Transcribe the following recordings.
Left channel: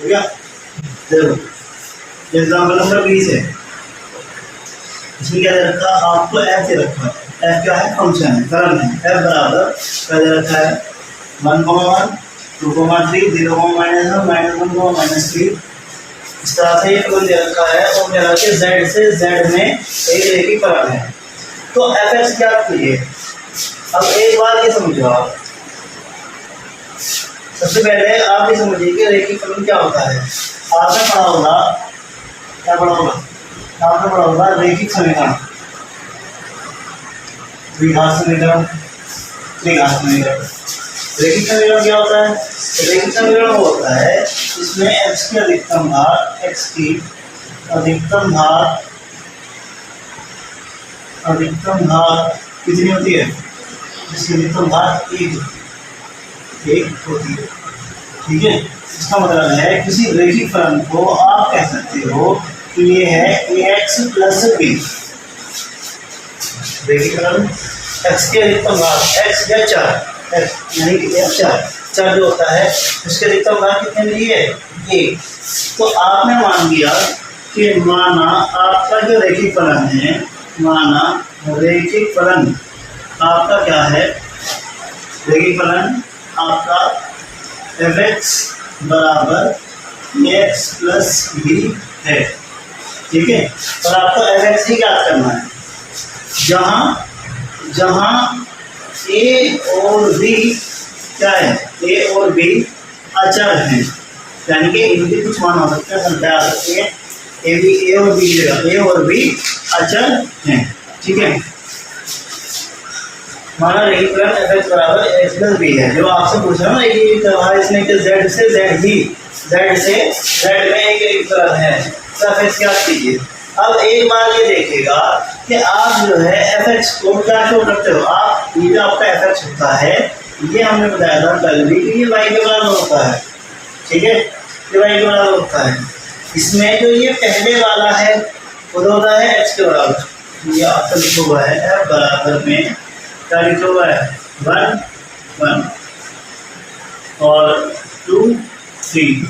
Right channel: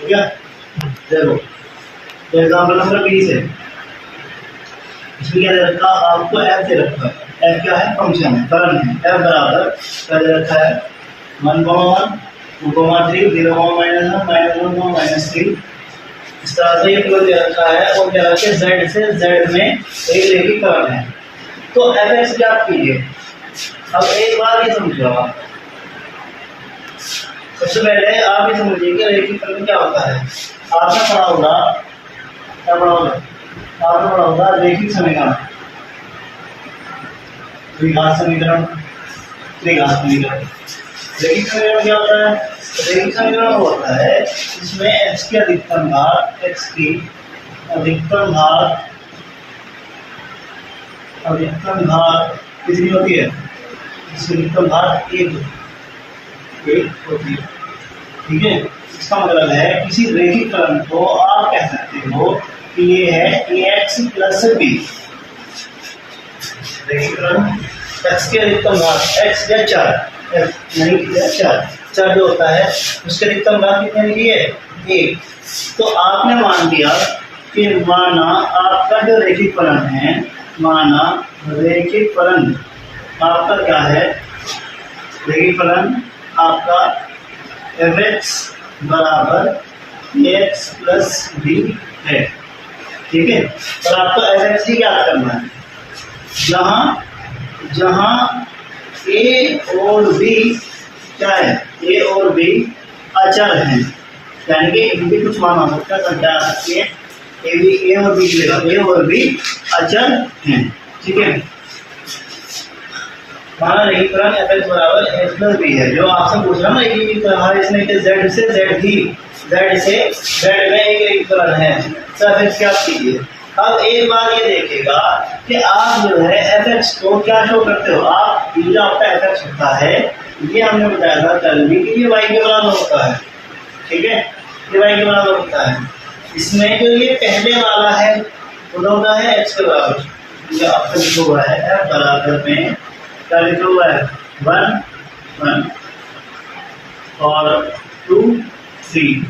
हो गया। देखो एग्जाम्पल नंबर 20 है, इसमें क्या दे रखा आपको, एफ दे रखा है। एफ क्या है, फंक्शन है, फलन है। एफ बराबर क्या दे रखा है, 1,1 2,3 0,-1 -1 -3। इस तरह से ये फलन दे रखा है और क्या रखा है, जेड से जेड में एक रेखिक फलन है। तो एफ एक्स ज्ञात कीजिए। अब एक बार ये समझो आप, सबसे पहले आप ये समझिए कि रेखिक फलन क्या होता है। आपने पढ़ा होगा, क्या पढ़ा होगा, आपने पढ़ा होगा रेखिक समीकरण, द्विघात समीकरण, त्रिघात समीकरण। रेखिक समीकरण क्या होता है, रेखिक समीकरण होता है इसमें x की अधिकतम घात, x की अधिकतम घात कितनी होती है, इसकी अधिकतम घात 1 होती है। ठीक है, इसका मतलब है किसी रेखिक फलन को आप कह सकते हो कि ये है ax प्लस b। रेखिक फलन x की अधिकतम घात, x या 4, चार जो होता है उसके अधिकतम घात कितने मिली है, 1। तो आपने मान लिया कि माना आपका जो रेखिक फलन है, माना रेखिक फलन आपका क्या है, रेखिक फलन आपका fx बराबर ax प्लस b है। ठीक है, और आपको fx ही ज्ञात करना है, जहां a और b क्या है, a और b अचर हैं, यानी कि इनके कुछ मान हो सकते हैं, संख्या आ सकती है, a और b लेगा, a और b अचर हैं। ठीक है, माना रेखिक फलन fx बराबर ax प्लस b है। जो आपसे पूछ रहा ना कि कहा इसने कि z से z में एक रेखिक फलन है, तो fx क्या कीजिए। अब एक बार ये देखिएगा कि आप जो है fx को क्या शो करते हो, आप ये जो आपका fx होता है, ये हमने बताया था कल भी कि ये y के बराबर होता है। ठीक है, ये y के बराबर होता है। इसमें जो ये पहले वाला है वो होता है x के बराबर। ये आपका लिखा हुआ है f बराबर में क्या लिखा हुआ है, 1 1 और 2 3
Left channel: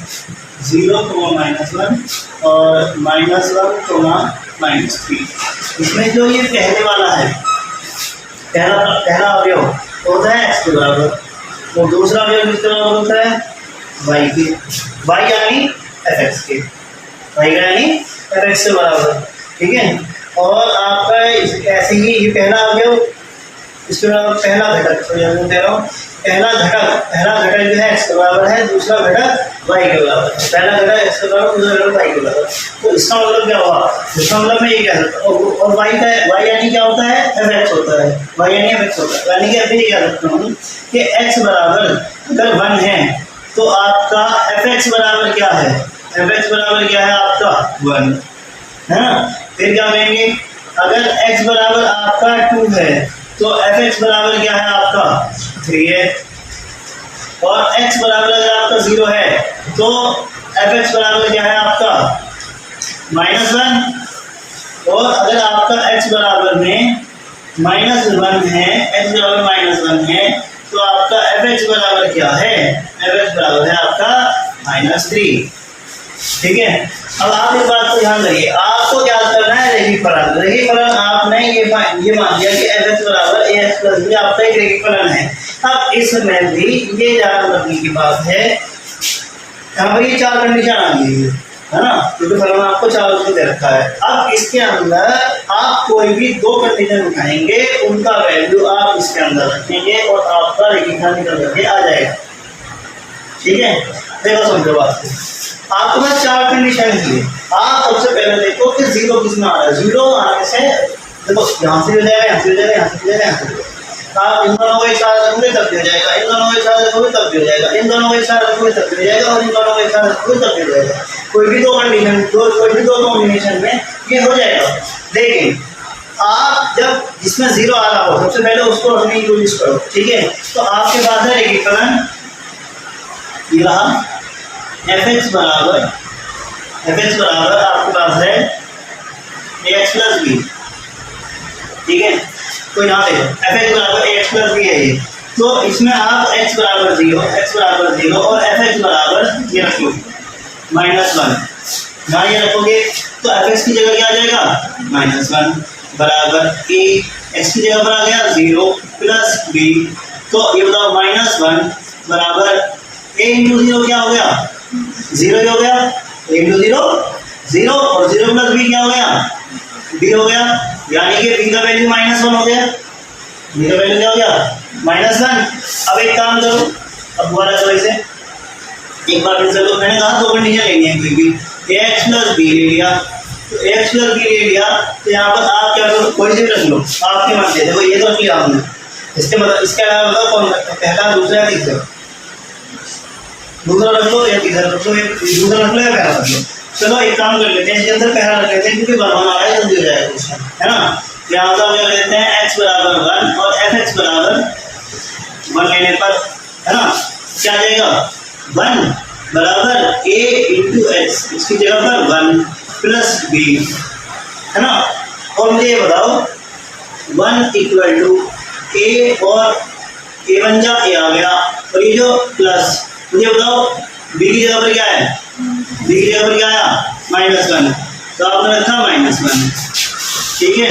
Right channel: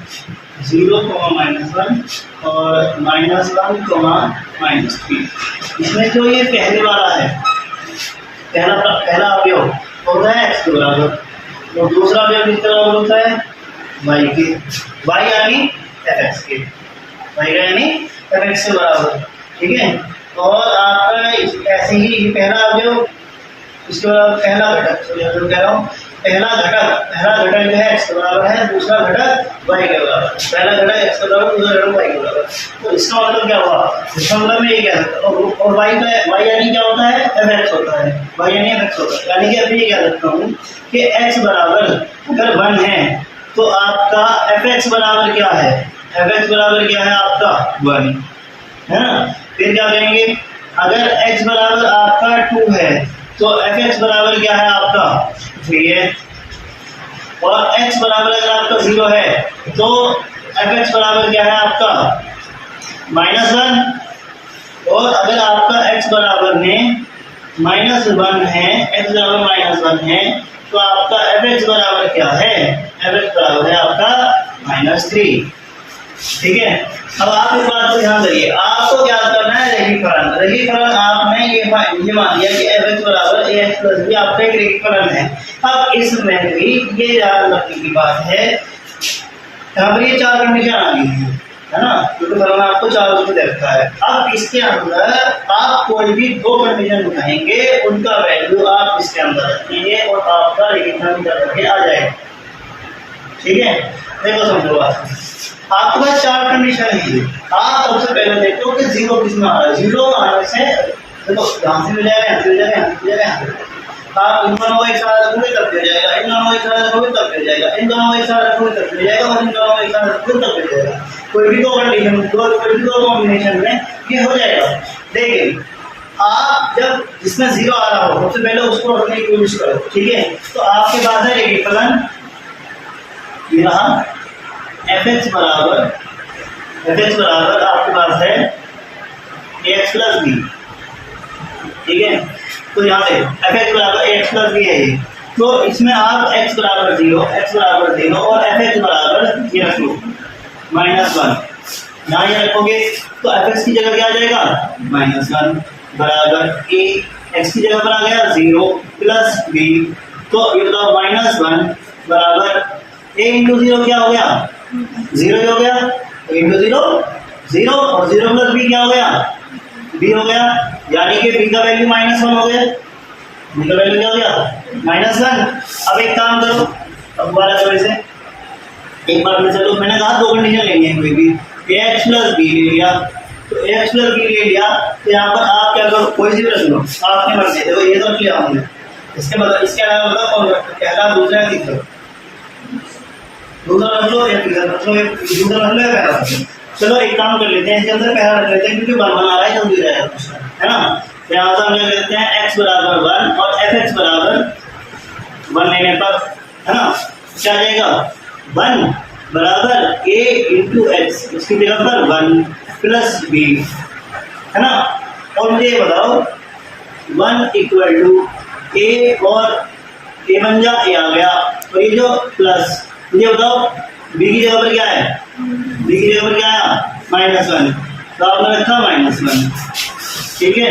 0, -1 और -1, -3। इसमें जो ये पहले वाला है, पहला अवयव होता है x के बराबर, और दूसरा अवयव किसके बराबर होता है, y के, y यानी fx के, y यानी fx के बराबर। ठीक है, और आपका ऐसे ही ये पहला अवयव, इसके बराबर पहला घटक, कह रहा हूँ पहला घटक जो है x के बराबर है, दूसरा घटक y के बराबर। पहला घटक x के बराबर, दूसरा घटक y के बराबर। तो इसका मतलब क्या हुआ, इसका मतलब मैं ये कह सकता हूँ, और y यानी क्या होता है, fx होता है, y यानी fx होता है, यानी कि अब ये कह सकता हूँ कि x बराबर अगर 1 है तो आपका fx बराबर क्या है, fx बराबर क्या है आपका 1 है ना। फिर क्या कहेंगे, अगर x बराबर आपका 2 है तो fx बराबर क्या है आपका 3 है, और x बराबर अगर आपका 0 है तो fx बराबर क्या है आपका -1, और अगर आपका x बराबर में -1 है, x बराबर -1 है, तो आपका fx बराबर क्या है, fx बराबर है आपका -3। ठीक है, अब आप इस बात को ध्यान करिए, आपको क्या करना है, रेखिक फलन। रेखिक फलन आपने ये मान लिया कि fx बराबर ax प्लस b आपका एक रेखिक फलन है। अब इसमें भी ये याद रखने की बात है, यहाँ पर ये 4 कंडीशन आ गई है ना, क्योंकि फलन आपको 4 उसको दे रखा है। अब इसके अंदर आप कोई भी 2 कंडीशन उठाएंगे, उनका वैल्यू आप इसके अंदर रखेंगे और आपका रेखिक फलन निकल करके आ जाएगा। ठीक है, देखो समझो बात, आपके पास 4 कंडीशन है। आप सबसे पहले देखो कि 0 किसमें आ रहा है। 0 आने से देखो यहाँ से हो जाएगा, यहाँ से हो जाएगा, यहाँ से हो जाएगा, यहाँ से। आप इन दोनों को एक साथ रखोगे तब हो जाएगा, इन दोनों को एक साथ रखोगे तब हो जाएगा, इन दोनों को एक साथ रखोगे तब हो जाएगा, और इन दोनों को एक साथ रखोगे तब हो जाएगा। कोई भी 2 कंडीशन, कोई भी 2 कॉम्बिनेशन में ये हो जाएगा। लेकिन आप जब जिसमें 0 आ रहा हो सबसे पहले उसको रखने की कोशिश करो। ठीक है, तो आपके पास है रेखिक फलन ये रहा, fx बराबर आपके पास है ax प्लस b। ठीक है, तो यहाँ देखो fx बराबर ax प्लस b है ये, तो इसमें आप x बराबर 0 और fx बराबर ये रख लो। -1 यहाँ ये रखोगे तो एफ एक्स की जगह क्या आ जाएगा -1 बराबर ए, एक्स की जगह पर आ गया 0 प्लस बी, तो ये बताओ -1 बराबर a इंटू 0 क्या हो गया 0 हो गया, a इंटू 0 0 और 0 प्लस b क्या हो गया b हो गया, यानी कि b का वैल्यू -1 हो गया, b का वैल्यू क्या हो गया -1। अब एक काम करो, अब दोबारा करो इसे एक बार फिर से, तो मैंने कहा 2 कंडीशन लेनी है कोई भी, ax प्लस b ले लिया, तो ax प्लस b ले लिया, तो यहाँ पर आप क्या करो कोई सी भी रख लो आपके मन से, देखो ये तो रख लिया हमने, इसके मतलब इसके अलावा बताओ कौन रखता है, पहला दूसरा या तीसरा, दूसरा रख लो या तीसरा रख लो, दूसरा रख लो या पहला रख लो। चलो एक काम कर लेते हैं, इसके अंदर पहला रख लेते हैं क्योंकि बराबर आ रहा है जल्दी हो जाएगा क्वेश्चन, है ना। तो यहाँ से हम क्या लेते हैं x बराबर 1 और fx बराबर 1 लेने पर, है ना, क्या आ जाएगा 1 बराबर a इंटू एक्स, इसकी जगह पर 1 प्लस b, है ना। और मुझे ये बताओ 1 इक्वल टू ए, और ए बन जा ए आ गया, और ये जो प्लस, मुझे बताओ b की जगह पर क्या है, b की जगह पर क्या आया -1, तो आपने रखा -1, ठीक है।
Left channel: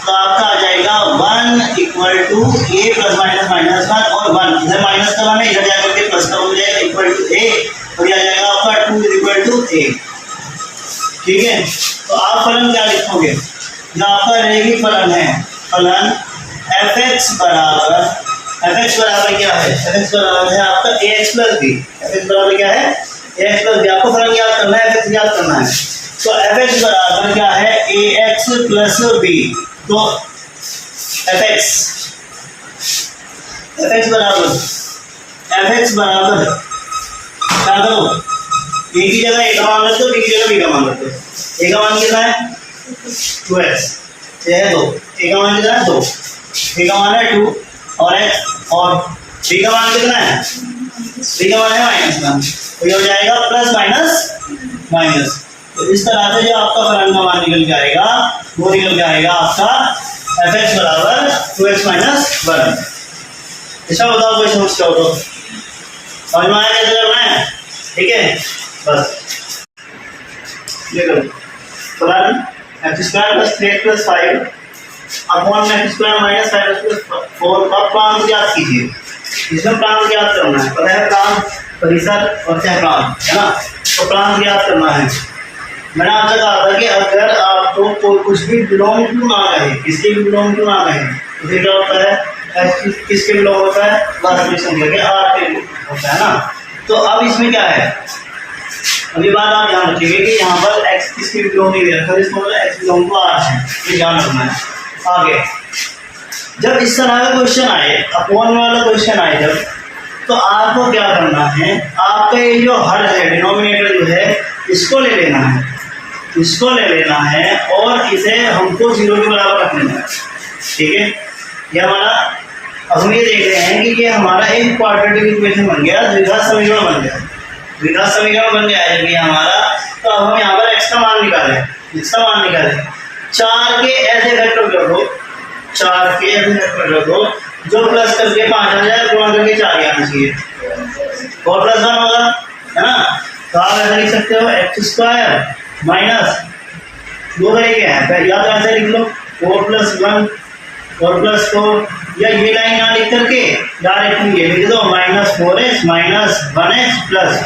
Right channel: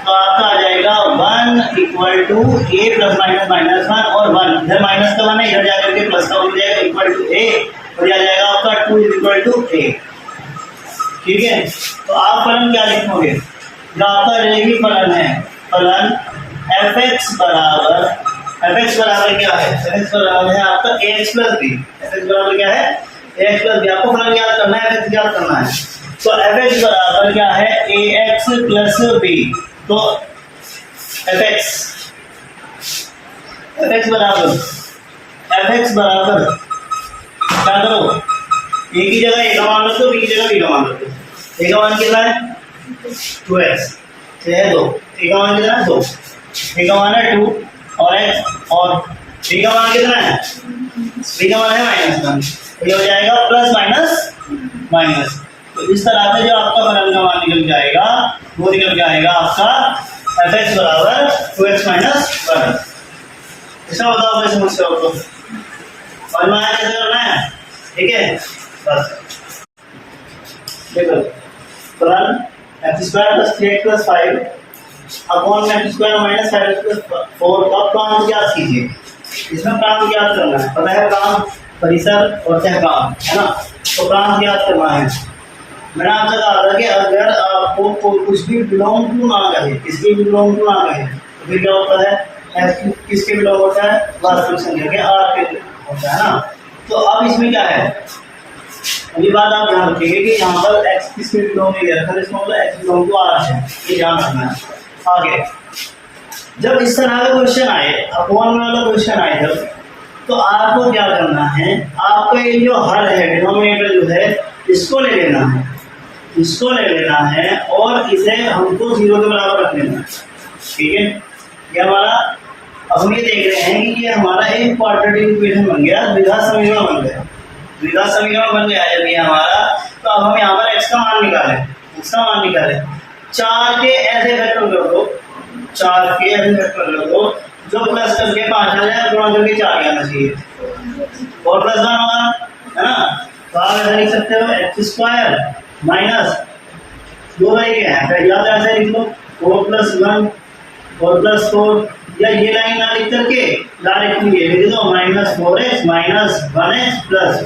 तो आपका आ जाएगा 1 इक्वल टू ए प्लस -1 और 1, इधर माइनस का 1 है, इधर जाकर के प्लस का हो जाएगा इक्वल टू ए, और यह आ जाएगा आपका 2 इक्वल टू ए, ठीक है। तो आप फलन क्या लिखोगे, जो आपका रहेगी फलन है, फलन fx बराबर क्या है, fx बराबर है आपका ax प्लस b, fx बराबर क्या है ax प्लस b, आपको फलन याद करना है, fx याद करना है, तो fx बराबर क्या है ax प्लस b, तो fx बराबर क्या करो, a की जगह a का मान रख दो, b की जगह b का मान रख दो, a का मान कितना है 2x, ये है 2, a का मान कितना है 2, a का मान है 2 और x, और b का मान कितना है, b का मान है -1, तो ये हो जाएगा प्लस माइनस। तो इस तरह से जो आपका फलन का मान निकल जाएगा वो निकल के आएगा आपका fx बराबर 2x - 1। इसका बताओ कोई समस्या हो तो समझ में आया कैसे करना है, ठीक है। बस देखो फलन x² + 3x + 5 upon x² - 5x + 4 का प्रांत ज्ञात कीजिए। इसमें प्रांत ज्ञात करना है, पता है प्रांत, परिसर और सह प्रांत, है ना। तो प्रांत ज्ञात करना है। मैंने आपसे कहा था कि अगर आपको कुछ भी बिलोंग टू ना कहे, किसके भी बिलोंग टू ना कहे, तो फिर क्या होता है, किसके बिलोंग होता है, वास्तविक संख्या के आर के होता है ना। तो अब इसमें क्या है, अभी बात आप ध्यान रखिएगा कि यहाँ पर x किसके बिलोंग नहीं दे रखा, इसका मतलब x बिलोंग टू आर है, ये ध्यान रखना है। आगे जब इस तरह का क्वेश्चन आए, अपॉन वाला क्वेश्चन आए जब, तो आपको क्या करना है, आपका ये जो हर है, डिनोमिनेटर जो है, इसको ले लेना है, इसको ले लेना है और इसे हमको 0 के बराबर रख लेना है, ठीक है। ये हमारा, अब हम ये देख रहे हैं कि ये हमारा एक क्वाड्रेटिक इक्वेशन बन गया, द्विघात समीकरण बन गया, द्विघात समीकरण बन गया जब ये हमारा। तो अब हम यहाँ पर x का मान निकालें, x का मान निकालें, 4 के ऐसे फैक्टर कर दो, 4 के ऐसे फैक्टर कर दो जो प्लस करके 5 आ जाए, गुणा करके 4 आना चाहिए, और +1 होगा, है ना। तो आप ऐसा लिख सकते हो x² माइनस, दो तरीके हैं, या तो ऐसे लिख लो 4 + 1 और +4, या ये लाइन ना लिख करके डायरेक्ट ये लिख दो -4x - 1x +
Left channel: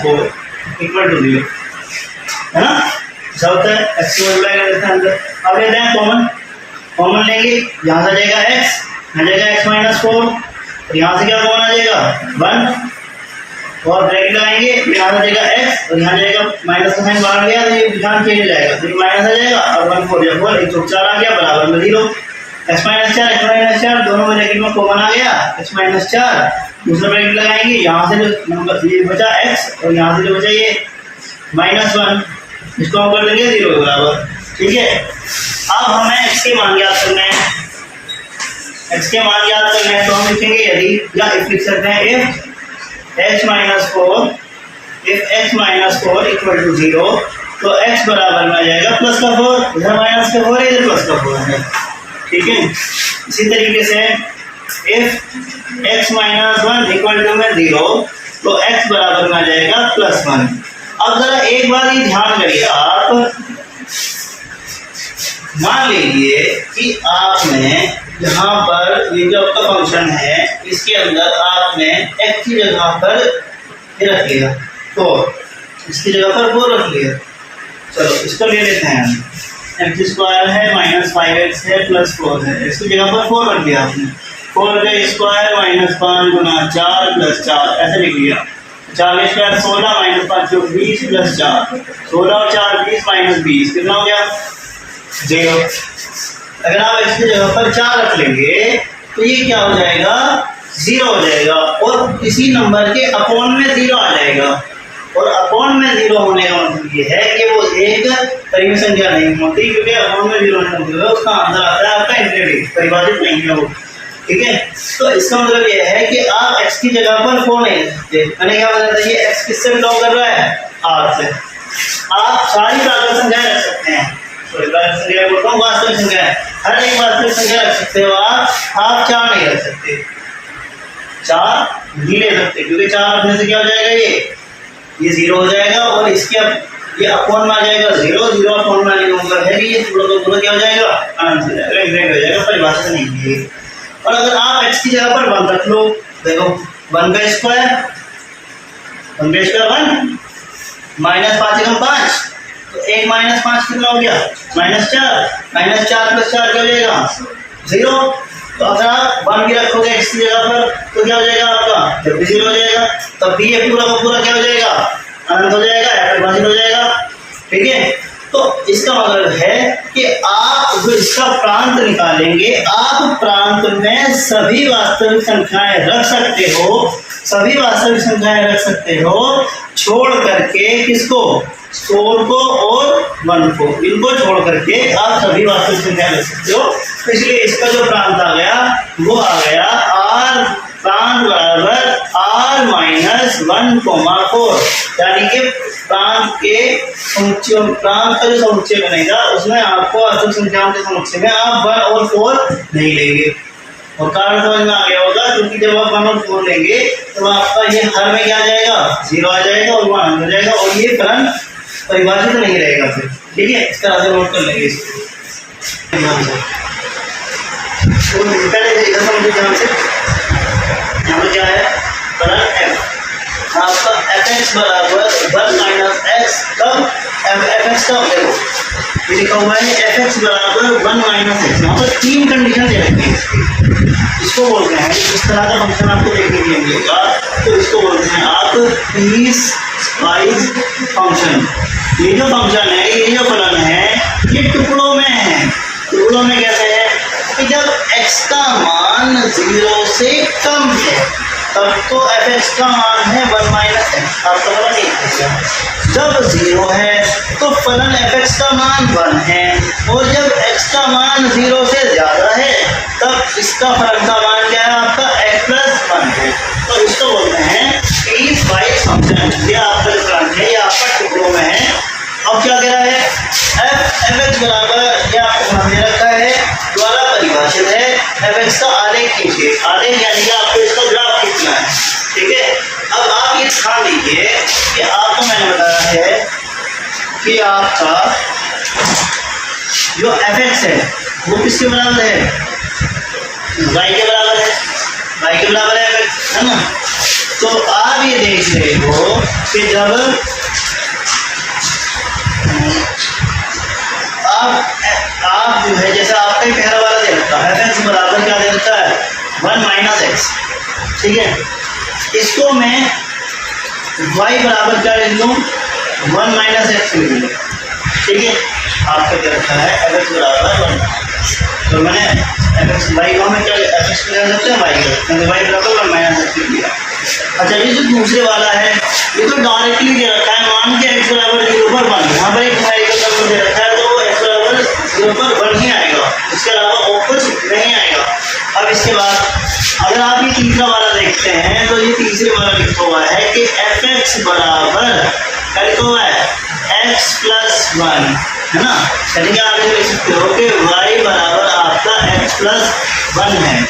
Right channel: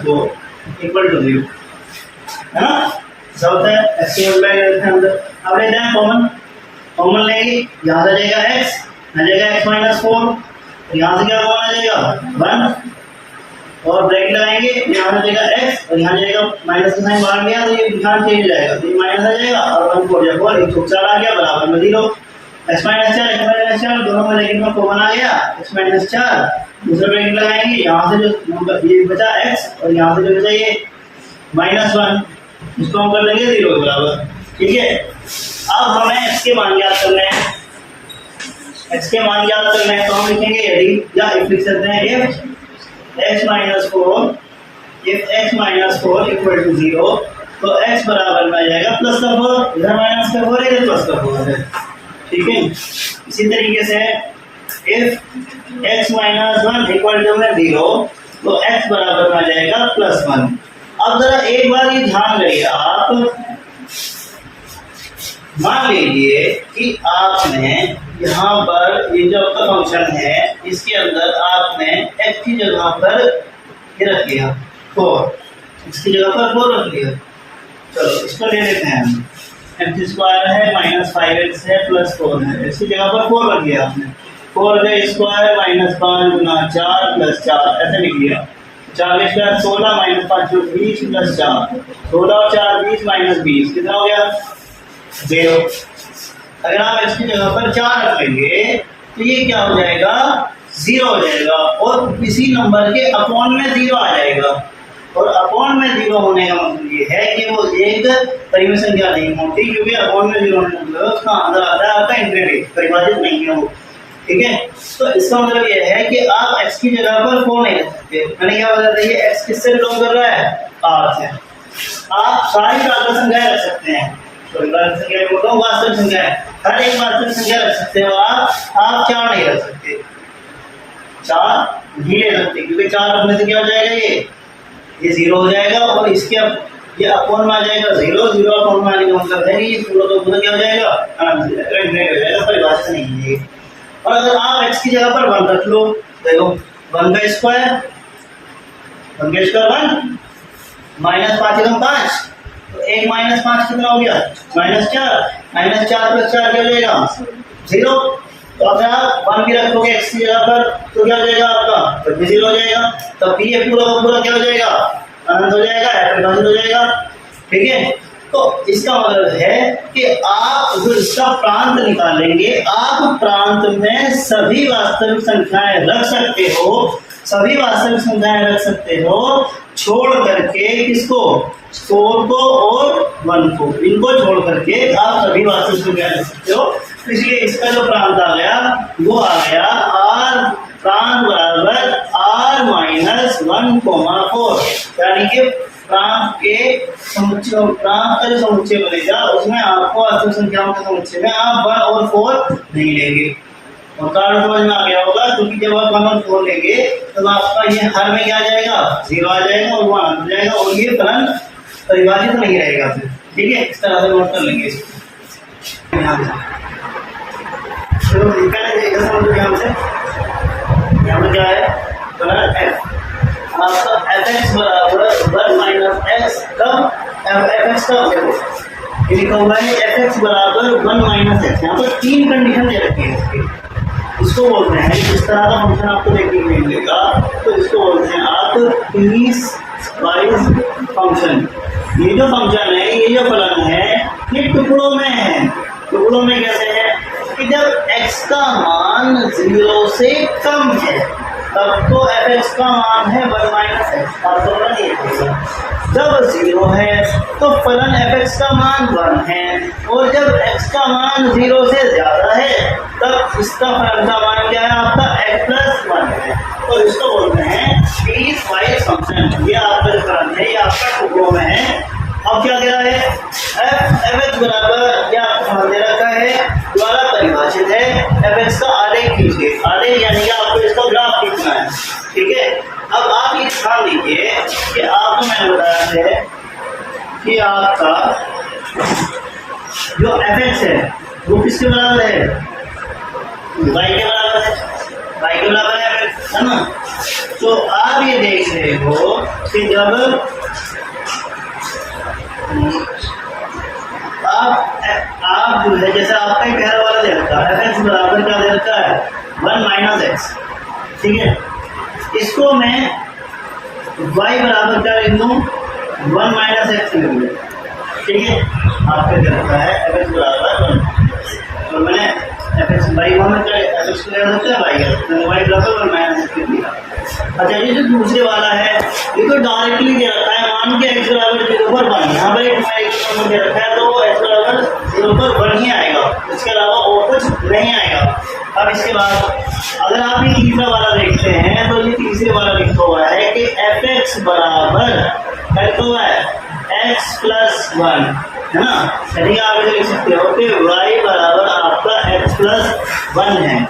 4 = 0, है ना। ऐसा होता है, x को मल्टीप्लाई कर देते हैं अंदर। अब लेते हैं कॉमन लेंगे, यहाँ से आ जाएगा x, यहाँ जाएगा x - 4, और यहाँ से क्या कॉमन आ जाएगा 1, और ब्रैकेट लगाएंगे, यहाँ आ जाएगा x और यहाँ जाएगा माइनस का साइन बाहर गया, तो ये निशान चेंज हो जाएगा, तो ये माइनस आ जाएगा, और 1 4 या 4 1 4 4 आ गया, बराबर में 0, x - 4 दोनों में ब्रैकेट में कॉमन आ गया, x - 4, दूसरा ब्रैकेट लगाएंगे, यहाँ से जो नंबर ये बचा x और यहाँ से जो बचा ये -1, इसको हम कर देंगे 0 के बराबर, ठीक है। अब हमें x के मान ज्ञात करने हैं, x के मान ज्ञात करने हैं, तो हम लिखेंगे यदि, या if लिख सकते हैं if x - 4 = 0, तो x बराबर में आ जाएगा +4, इधर -4 है, इधर +4 है, ठीक है। इसी तरीके से if x - 1 = 0, तो x बराबर में आ जाएगा +1। अब जरा एक बार ये ध्यान करिए आप, मान लीजिए कि आपने यहाँ पर ये जो आपका फंक्शन है इसके अंदर आपने x की जगह पर ये रख लिया 4, इसकी जगह पर 4 रख लिया। चलो इसको ले लेते हैं हम, x स्क्वायर है माइनस 5x है प्लस 4 है, इसकी जगह पर 4 रख लिया आपने, 4 का स्क्वायर माइनस 5 गुना 4 प्लस 4 ऐसे लिख लिया। 4 का स्क्वायर 16 माइनस 5 20 प्लस 4, 16 और 4 20 माइनस 20 कितना हो गया 0। अगर आप इसकी जगह पर 4 रख लेंगे तो ये क्या हो जाएगा 0 हो जाएगा, और इसी नंबर के अपॉन में 0 आ जाएगा। और अपॉन में 0 होने का मतलब ये है कि वो एक परिमेय संख्या नहीं होती, क्योंकि अपॉन में 0 होने का मतलब उसका आंसर आता है आपका इनफिनिटी, परिभाषित नहीं है वो। ठीक है, तो इसका मतलब ये है कि आप x की जगह पर 4 नहीं रख सकते। मैंने क्या बता दिया, x किससे बिलोंग कर रहा है r से। आप सारी प्राकृत संख्याएं रख सकते हैं, प्राकृत संख्या बोल रहा हूँ, वास्तविक संख्या है, हर एक वास्तविक संख्या रख सकते हो आप 4 नहीं रख सकते, 4 नहीं ले सकते, क्योंकि 4 रखने से क्या हो जाएगा ये 0 हो जाएगा, और इसके ये अपॉन में आ जाएगा 0, 0 अपॉन में आने का मतलब है कि ये पूरा का पूरा क्या हो जाएगा आंसर हो जाएगा, इनफिनिट हो जाएगा, परिभाषित नहीं है। और अगर आप x की जगह पर 1 रख लो, देखो 1 का स्क्वायर 1 माइनस 5 एकम 5, तो 1 माइनस 5 कितना हो गया -4 प्लस 4 क्या हो जाएगा 0। तो अगर आप 1 भी रखोगे x की जगह पर तो क्या हो जाएगा आपका, जब भी 0 हो जाएगा तब भी ये पूरा का पूरा क्या हो जाएगा अनंत हो जाएगा, परिभाषित हो जाएगा। ठीक है, तो इसका मतलब है कि आप जो इसका प्रांत निकालेंगे, आप प्रांत में सभी वास्तविक संख्याएं रख सकते हो, सभी वास्तविक संख्याएं रख सकते हो, छोड़ करके किसको 4 को और 1 को, इनको छोड़ करके आप सभी वास्तविक संख्या रख सकते हो। तो इसलिए इसका जो प्रांत आ गया वो आ गया r प्रांत बराबर r माइनस 1,4, यानी कि प्रांत के समुच्चय, प्रांत का जो समुच्चय बनेगा उसमें आपको वास्तविक संख्याओं के समुच्चय में आप 1 और 4 नहीं लेंगे। और कारण समझ में आ गया होगा, क्योंकि जब आप 1 और 4 लेंगे तो आपका ये हर में क्या आ जाएगा 0 आ जाएगा और वो अनंत हो जाएगा, और ये फलन परिभाषित नहीं रहेगा फिर। ठीक है, इसका आंसर नोट कर लेंगे इसको ध्यान से। तो पहले इधर समझो ध्यान से, यहाँ पर क्या है फलन f, आपका fx बराबर 1 माइनस x, कब fx कब देखो ये लिखा हुआ है fx बराबर 1 माइनस x। यहाँ पर 3 कंडीशन दे रखी है इसकी, इसको बोलते हैं, इस तरह का फंक्शन आपको देखने के लिए मिलेगा तो इसको बोलते हैं आप पीस वाइज फंक्शन। ये जो फंक्शन है, ये जो फलन है, ये टुकड़ों में है। टुकड़ों में कहते हैं कि जब x का मान 0 से कम है तब तो fx का मान है 1 माइनस x, आपका फलन ये है। जब 0 है तो फलन fx का मान 1 है, और जब x का मान 0 से ज़्यादा है तब इसका फलन का मान क्या है आपका x प्लस 1 है। तो इसको बोलते हैं पीस वाइज फंक्शन। ये आपका जो फलन है ये आपका टुकड़ों में है। अब क्या कह रहा है fx बराबर, ये आपको मान दे रखा है, द्वारा परिभाषित है fx का आलेख खींचिए, आलेख यानी कि आपको इसका ग्राफ खींचना है। ठीक है, अब आप ये ध्यान दीजिए कि आपको मैंने बताया है कि आपका जो fx है वो किसके बराबर है, y के बराबर है, y के बराबर है fx, है ना। तो आप ये देख रहे हो कि जब आप जो है, जैसे आपका ही पहला वाला दे रखा है fx बराबर क्या दे रखा है 1 माइनस x। ठीक है, इसको मैं y बराबर क्या लिख लूँ 1 माइनस x लिख लूँ। ठीक है, आपका दे रखा है fx बराबर 1, तो मैंने fx y में क्या fx को दे रखा है y बराबर 1 माइनस x लिख दिया। अच्छा, ये जो दूसरे वाला है ये तो डायरेक्टली दे रखा है, मान के x बराबर 0 पर 1, यहाँ पर एक y का नंबर दे रखा है तो x बराबर 0 पर 1 ही आएगा, इसके अलावा और कुछ नहीं आएगा। अब इसके बाद अगर आप ये तीसरा वाला देखते हैं तो ये तीसरे वाला लिखा हुआ है कि fx बराबर क्या लिखा हुआ है x प्लस 1, है ना। यानी कि आप ये लिख सकते हो कि y बराबर आपका x प्लस 1 है।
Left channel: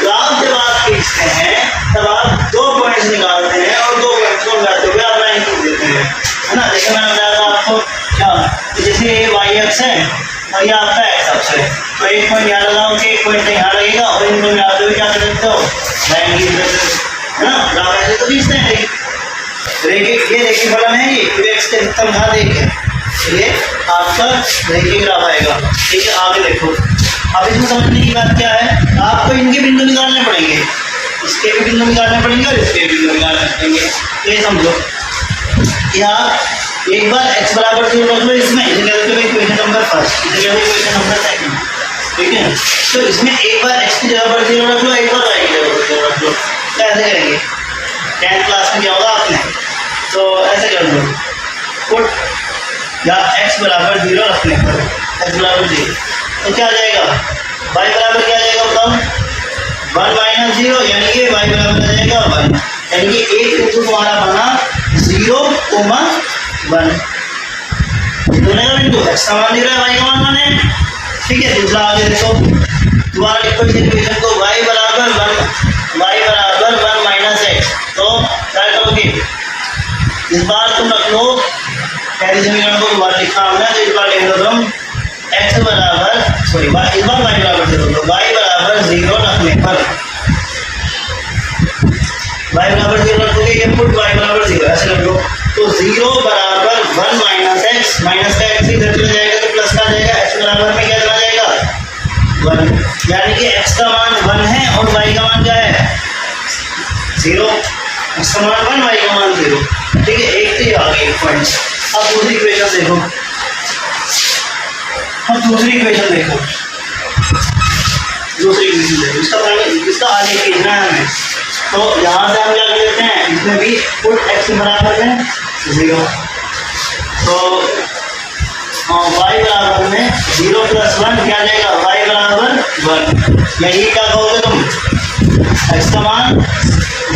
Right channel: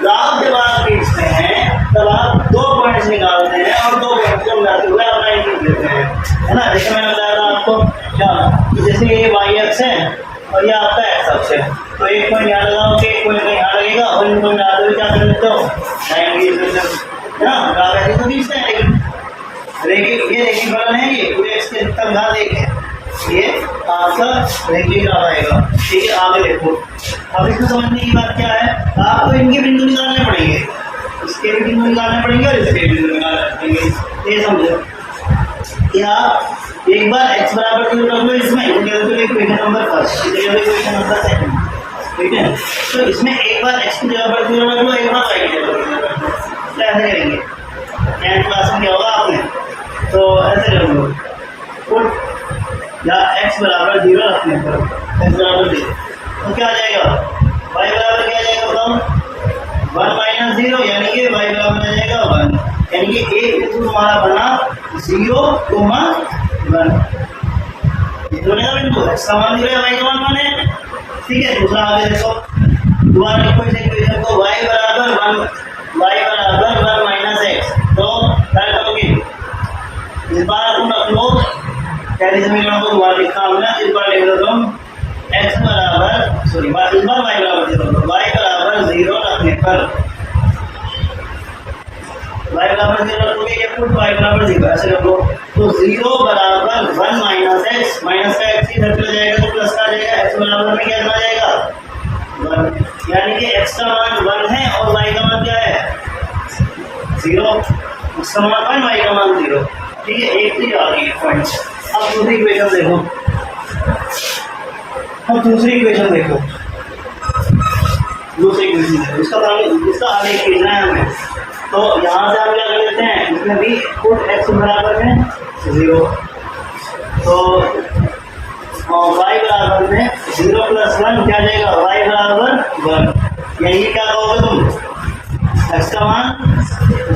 ग्राफ जब आप खींचते हैं तब आप 2 पॉइंट्स निकालते हैं और 2 पॉइंट्स को मिलाते हुए आप लाइन देते हैं, है ना। जैसे मैंने बताया था आपको क्या, तो जैसे ये वाई एक्स है और ये आपका एक्स अक्ष है, तो एक पॉइंट यहाँ लगाओ कि एक पॉइंट यहाँ लगेगा और इनको मिलाते हुए क्या कर सकते हो, है ना। ग्राफ ऐसे तो खींचते हैं, रेखिक ये रेखिक फलन है, ये एक्स के अधिकतम घात 1 है, ये आपका रेखिक ग्राफ आएगा। ठीक है, आगे देखो। अब इसमें समझने की बात क्या है, आपको इनके बिंदु निकालने पड़ेंगे, इसके भी बिंदु निकालने पड़ेंगे और इसके भी बिंदु निकालने पड़ेंगे। ये समझो कि आप एक बार x बराबर 0 रख लो, इसमें इसे कहते हैं इक्वेशन नंबर फर्स्ट, इसे कहते हैं इक्वेशन नंबर सेकंड। ठीक है, तो इसमें एक बार x की जगह पर 0 रख लो, एक बार y की जगह पर 0 रख लो। क्या ऐसे करेंगे, 10th क्लास में क्या होगा आपने, तो ऐसे कर लो, पुट या x बराबर 0 रखने पर x बराबर 0, तो क्या आ जाएगा, y बराबर क्या आ जाएगा बताओ, 1 माइनस 0, यानी कि y बराबर आ जाएगा 1, यानी कि एक बिंदु हमारा बना 0, 1 दोनों का बिंदु x का मान 0 है, y का मान 1 है। ठीक है, दूसरा आगे देखो, दोबारा लिखो इस इक्वेशन को, y बराबर 1 माइनस x, तो क्या करोगे, इस बार तुम रख लो पहले समीकरण को, दोबारा लिखा हमने, तो इस बार लिख दो तुम x बराबर सॉरी इस बार y बराबर 0, तो y बराबर 0 रखने पर y बराबर 0 रखोगे, इनपुट y बराबर 0 ऐसे रख लो, तो 0 बराबर 1 माइनस x, माइनस का x इधर चला जाएगा तो प्लस का आ जाएगा, x बराबर में क्या चला जाएगा 1, यानी कि x का मान 1 है और y का मान क्या है 0, x का मान 1, y का मान 0। ठीक है, एक तो ये आ गई पॉइंट। अब दूसरी इक्वेशन देखो, दूसरी इक्वेशन देखो, इसका आगे खींचना है हमें, तो यहाँ से हम क्या कर लेते हैं, इसमें भी पुट x बराबर है 0, तो y बराबर में 0 प्लस 1 क्या जाएगा, y बराबर 1, यानी क्या कहोगे तुम, x का मान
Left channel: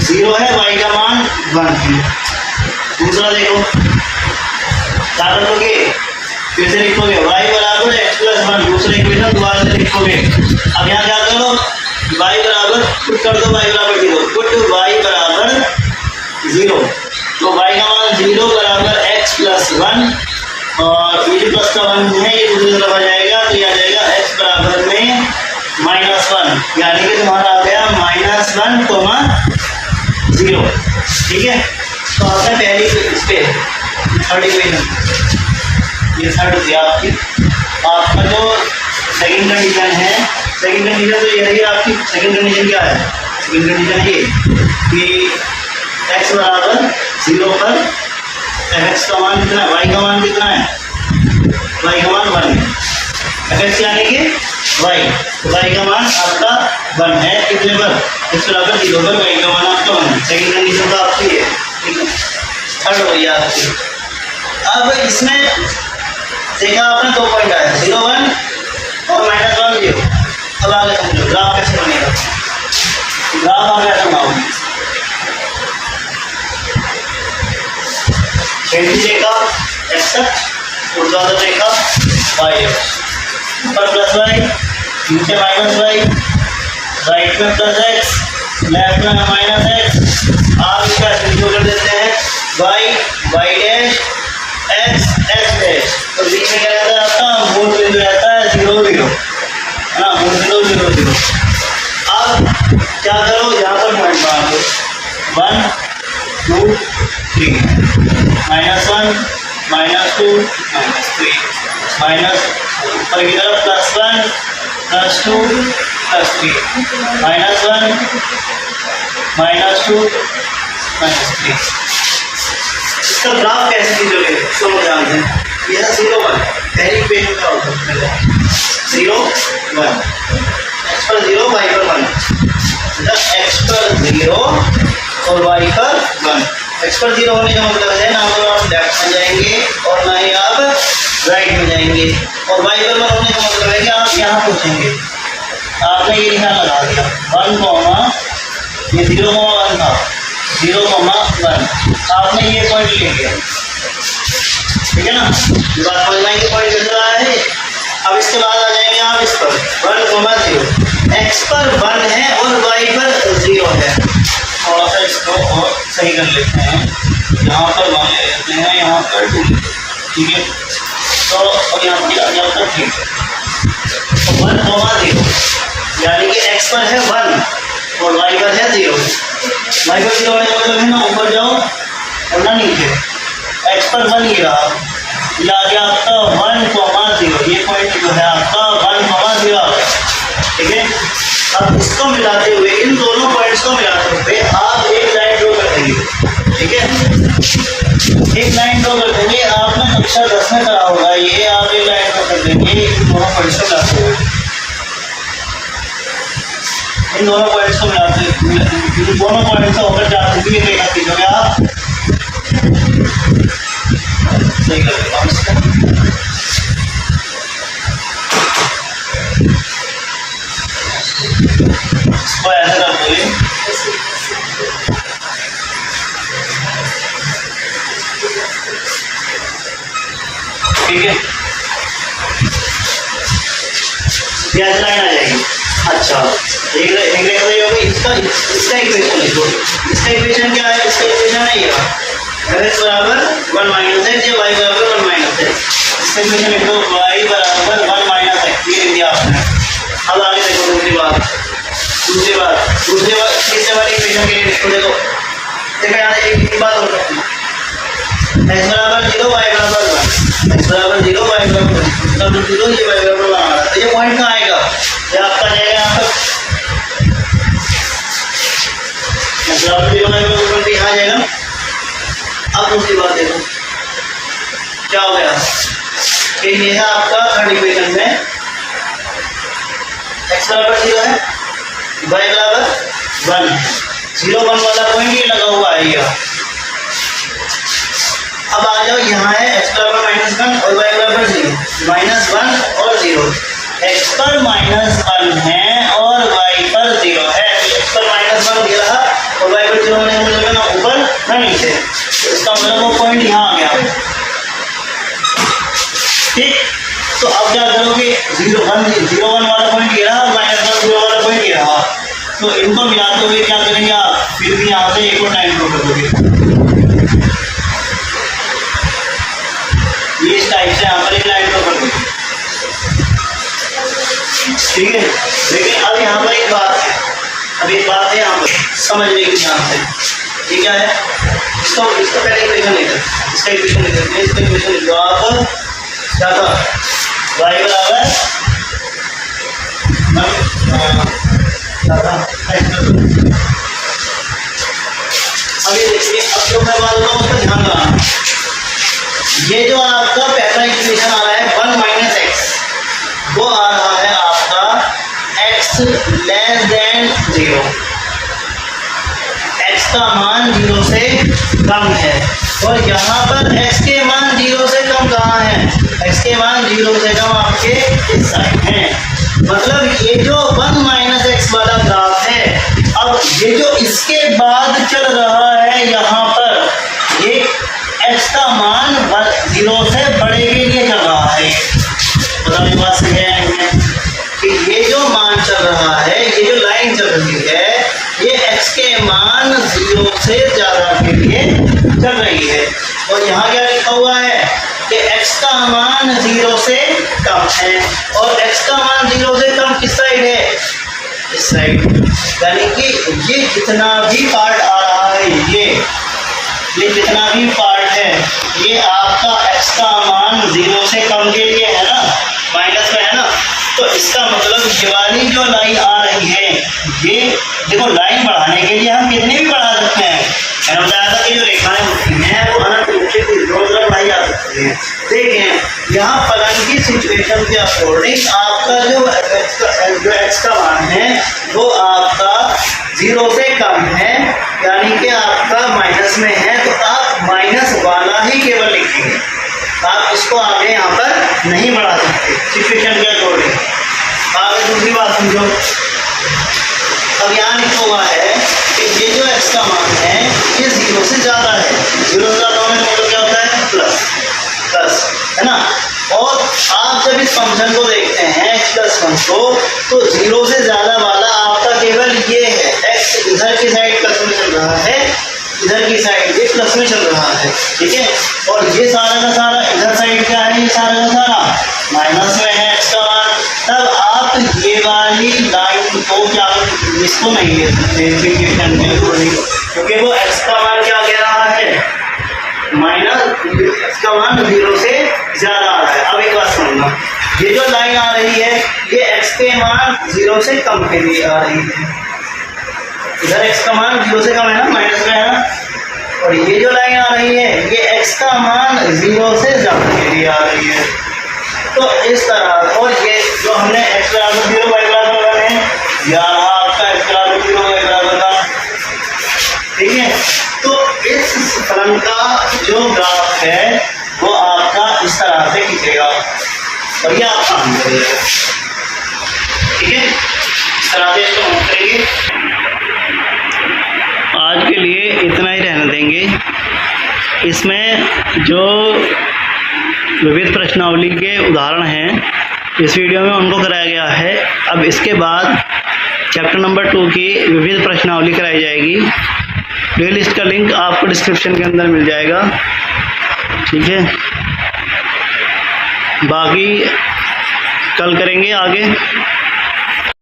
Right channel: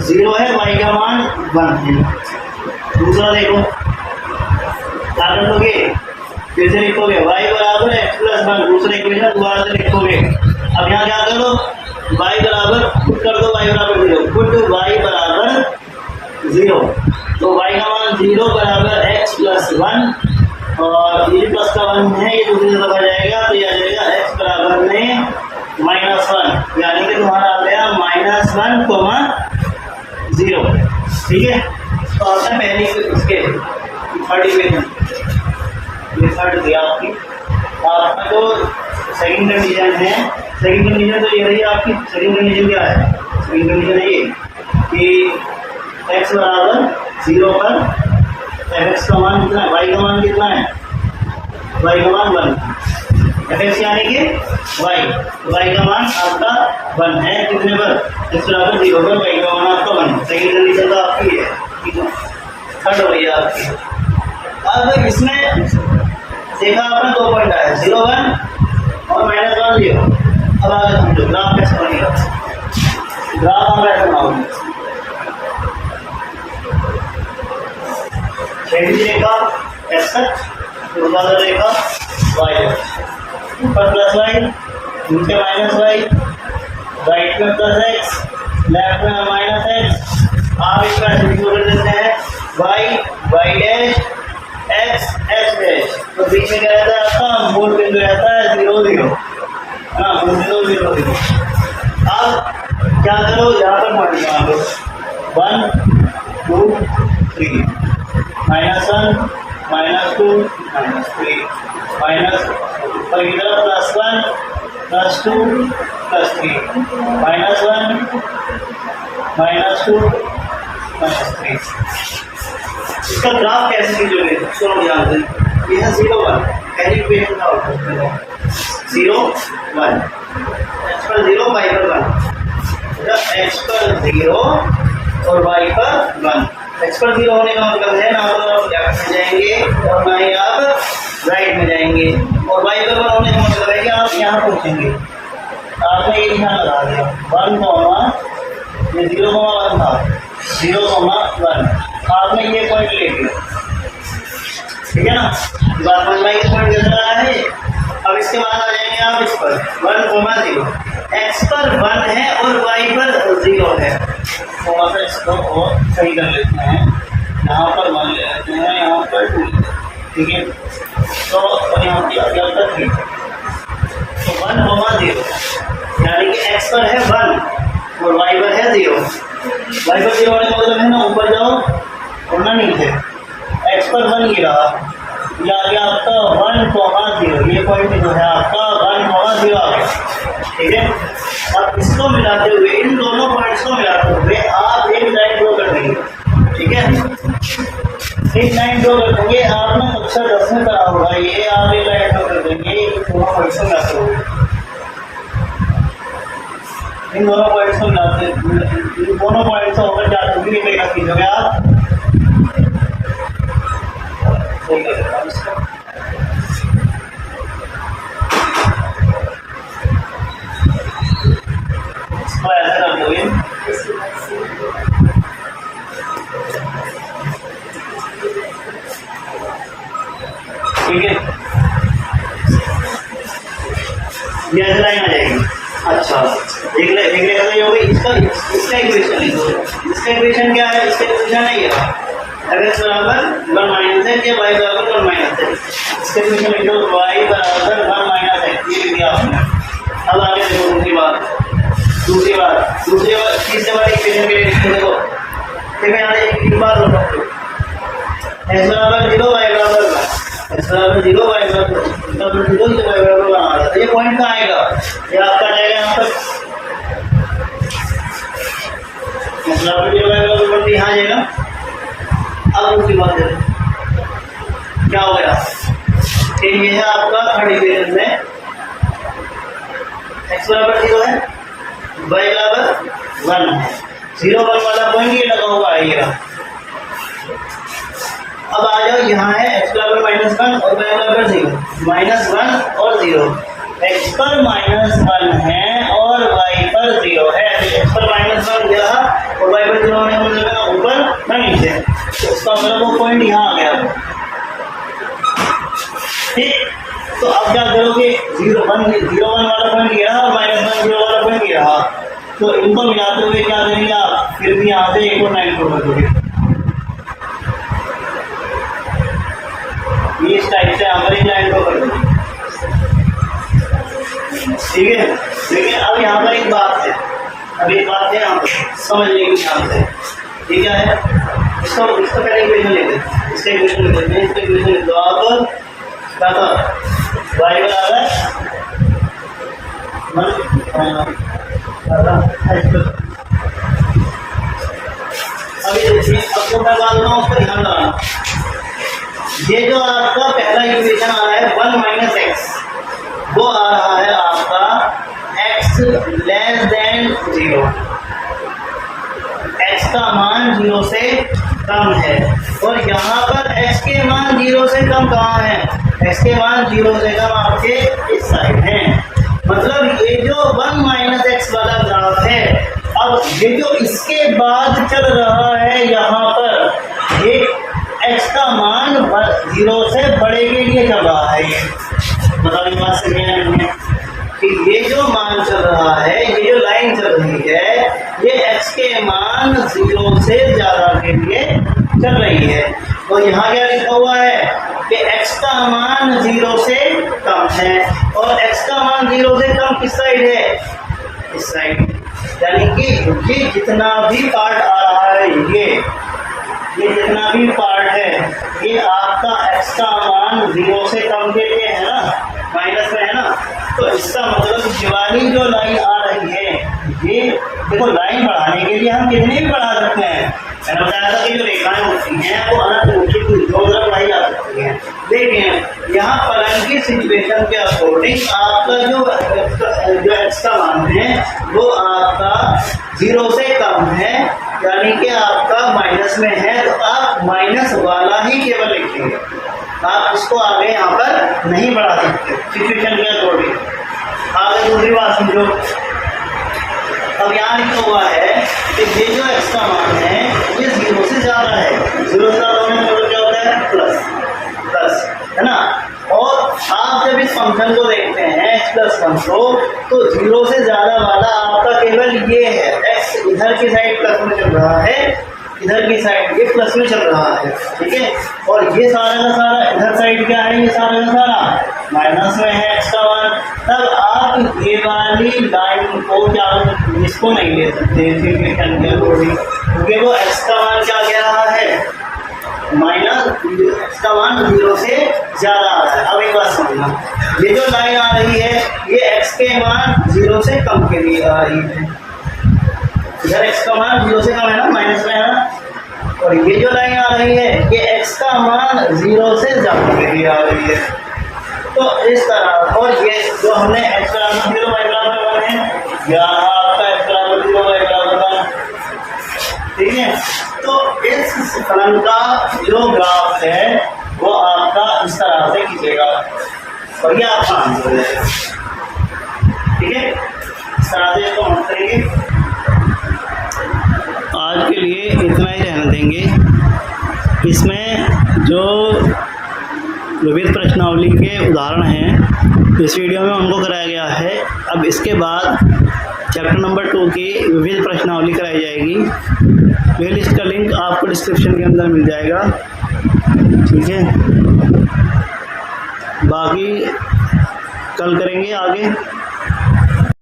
0 है, y का मान 1 है। दूसरा देखो क्या कर लोगे, फिर से लिखोगे y बराबर x प्लस 1, दूसरे इक्वेशन दोबारा से लिखोगे। अब यहाँ क्या करो, y बराबर पुट कर दो, y बराबर 0, पुट y बराबर 0, तो y का मान 0 बराबर x प्लस 1, और ये जो प्लस का 1 है ये दूसरी तरफ आ जाएगा, तो ये आ जाएगा x बराबर में -1, यानी कि तुम्हारा आ गया -1, 0। ठीक है, तो आपने पहली इस पे थर्ड इक्वेशन, ये थर्ड दिया आपका जो सेकंड कंडीशन है, सेकंड कंडीशन तो यही है आपकी। सेकंड कंडीशन क्या है, सेकंड कंडीशन ये कि x बराबर 0 पर fx का मान कितना है, y का मान कितना है, y का मान 1 है, fx यानी कि y का मान आपका 1 है, कितने पर, x बराबर 0 पर y का मान आपका 1 है। सेकंड कंडीशन तो आपकी है। ठीक है, थर्ड हो गई आपकी। अब इसमें देखा आपने 2 पॉइंट आए, 0 1 और -1 0। अब आगे समझो ग्राफ कैसे बनेगा, ग्राफ हम ऐसा बनाओगे, क्षैतिज रेखा x अक्ष, ऊर्ध्वाधर रेखा y अक्ष, ऊपर प्लस y, नीचे -y, राइट में प्लस x, लेफ्ट में -x। आप इसका इंक्लूड कर देते हैं y डैश x डैश, तो बीच में क्या रहता है आपका मूल बिंदु रहता है 0 0, है ना, मूल बिंदु 0 0। अब क्या करो, यहाँ पर पॉइंट बना दो 1 2 3, -1 -2 -3, माइनस ऊपर की तरफ +1 +2 +3, -1 -2 -3। इसका ग्राफ कैसे खींचोगे, सुनो ध्यान से, यह 0 1 पहली इक्वेशन का होता है, 0 1, x पर 0 y पर 1, x पर 0 और y पर 1। x पर 0 होने का मतलब है ना तो आप लेफ्ट में जाएंगे और ना ही आप राइट में जाएंगे, और y पर 1 होने का मतलब है कि आप यहाँ पहुँचेंगे। आपने ये निशान लगा दिया 1, ये 0, 1 था, 0, 1, आपने ये पॉइंट ले लिया, ठीक है ना। बात समझ आएंगे पॉइंट कितना रहा है। अब इसके बाद आ जाएंगे आप इस पर 1, 0, x पर 1 है और y पर 0 है। थोड़ा सा इसको और सही कर लेते हैं। यहाँ पर 1 ले लेते हैं, यहाँ पर 2, ठीक है। तो और यहाँ पर आ जाता 3, तो 1, 0, यानी कि x पर है 1 और y पर है 0। y पर 0 होने का मतलब है ना ऊपर जाओ और ना नीचे। x पर 1 ही रहा, ये आ गया आपका 1, 0, ये पॉइंट जो है आपका 1, 0 आ गया, ठीक है। अब इसको मिलाते हुए, इन दोनों पॉइंट्स को मिलाते हुए आप एक लाइन ड्रॉ कर देंगे, ठीक है। एक लाइन ड्रॉ कर देंगे, आपने कक्षा 10 में करा होगा ये, आप एक लाइन ड्रॉ कर देंगे इन दोनों पॉइंट्स को मिलाते हुए, इन दोनों पॉइंट्स को मिलाते हुए, दोनों पॉइंट्स से होकर जाते हुए एक रेखा खींचोगे आप, सही कर देगा इसको। इसको ऐसा कर दोगे, ठीक है, ये ऐसी लाइन आ जाएगी। अच्छा, एक रेखा होगी, इसका इक्वेशन लिखो। इसका इक्वेशन क्या है? इसका इक्वेशन है ये, x बराबर 1 माइनस x, ये y बराबर 1 माइनस x। इसका इक्वेशन लिख दो, y बराबर 1 माइनस x, ये लिख दिया आपने। अब आगे देखो दूसरी बात, तीसरे वाले इक्वेशन के लिए लिखो। देखो यहाँ एक बात हो सकती है, x बराबर 0, y बराबर 1, x बराबर 0, y बराबर 0, ये y बराबर 1 आ रहा है। ये पॉइंट कहाँ आएगा? ये आपका जाएगा यहाँ पर, x बराबर 0, y बराबर 1 यहाँ जाएगा। अब दूसरी बात देखो क्या हो गया, एक ये है आपका थर्ड इक्वेशन में x बराबर 0 है, y बराबर 1 है, 0, 1 वाला पॉइंट ये लगा हुआ आएगा। अब आ जाओ, यहाँ है x बराबर -1 और y बराबर 0, -1 और 0, x पर -1 है और y पर 0 है, तो x पर -1 दिया रहा और y पर 0 होने का मतलब ना ऊपर ना नीचे, तो इसका मतलब वो पॉइंट यहाँ आ गया, ठीक। तो अब क्या करोगे, 0, 1 वाला पॉइंट ये रहा और -1, 0 वाला पॉइंट ये रहा, तो इनको मिलाते हुए क्या करेंगे आप, फिर भी यहाँ से एक और लाइन ड्रॉ कर दोगे, ये इस टाइप से यहाँ पर एक लाइन ड्रॉ कर दोगे, ठीक है। लेकिन अब यहाँ पर एक बात है, यहाँ पर समझ लेंगे ध्यान से, ये क्या है, इसको पहले इक्वेशन लिख दो, इसका इक्वेशन लिख देते हैं, इसका इक्वेशन लिख दो आप, क्या था, y बराबर अभी देखिए, अब जो मैं बात रहा हूँ उसका ध्यान लगाना। ये जो आपका पहला इक्वेशन आ रहा है 1 माइनस एक्स, वो आ रहा है आपका x लेस देन 0, x का मान 0 से कम है, और यहाँ पर x के मान 0 से कम कहाँ है, x के मान 0 से कम आपके इस साइड है। मतलब ये जो 1 माइनस एक्स वाला ग्राफ है, अब ये जो इसके बाद चल रहा है यहाँ पर, ये x का मान 0 से बड़े के लिए चल रहा है। मतलब ये बात सही है कि ये जो मान चल रहा है, ये जो लाइन चल रही है, ये x के मान 0 से ज़्यादा के लिए चल रही है। और यहाँ क्या लिखा हुआ है कि x का मान 0 से कम है, और x का मान 0 से कम किस साइड है, इस साइड। यानी कि ये जितना भी पार्ट आ रहा है, ये जितना भी पार्ट है, ये आपका x का मान 0 से कम के लिए है ना, माइनस में है ना। तो इसका मतलब ये वाली जो लाइन आ रही है, ये देखो लाइन बढ़ाने के लिए हम कितने भी बढ़ा सकते हैं। मैंने बताया था कि जो रेखाएं होती हैं वो अनंत रूप से रोज़ बढ़ाई जा सकती हैं। देखें यहाँ फलन की सिचुएशन के अकॉर्डिंग आपका जो x का मान है वो आपका 0 से कम है, यानी कि आपका माइनस में है, तो आप माइनस वाला ही केवल लिखेंगे, आप इसको आगे यहाँ पर नहीं बढ़ा सकते सिचुएशन के अकॉर्डिंग। आगे दूसरी बात समझो, अब यहाँ लिखा हुआ है कि ये जो x का मान है ये 0 से ज़्यादा है, 0 से ज़्यादा होने का मतलब क्या होता है, प्लस है ना। और आप जब इस फंक्शन को देखते हैं x प्लस 1 को, तो 0 से ज़्यादा वाला आपका केवल ये है, x इधर की साइड प्लस में चल रहा है, इधर की साइड ये प्लस में चल रहा है, ठीक है। और ये सारा का सारा इधर साइड क्या है, ये सारा का सारा माइनस में है x का मान। तब आप ये वाली लाइन को क्या, इसको नहीं ले सकते क्योंकि वो x का मान क्या कह रहा है, माइनस x का मान 0 से ज़्यादा आ रहा है। अब एक बात समझना, ये जो लाइन आ रही है ये x के मान 0 से कम के लिए आ रही है। इधर x का मान 0 से कम है ना, माइनस में है ना। और ये जो लाइन आ रही है ये x का मान 0 से ज़्यादा के लिए आ रही है। तो इस तरह, और ये जो हमने x बराबर 0 y बराबर 1 है, यह रहा आपका x बराबर 0 y बराबर 1, ठीक है। तो इस फलन का जो ग्राफ है वो आपका इस तरह से खींचेगा और ये आप काम करेंगे, ठीक है। इस तरह से इसको हम करेंगे। आज के लिए इतना ही रहने देंगे। इसमें जो विविध प्रश्नावली के उदाहरण हैं इस वीडियो में उनको कराया गया है। अब इसके बाद चैप्टर नंबर 2 की विविध प्रश्नावली कराई जाएगी। प्लेलिस्ट का लिंक आपको डिस्क्रिप्शन के अंदर मिल जाएगा, ठीक है। बाकी कल करेंगे आगे।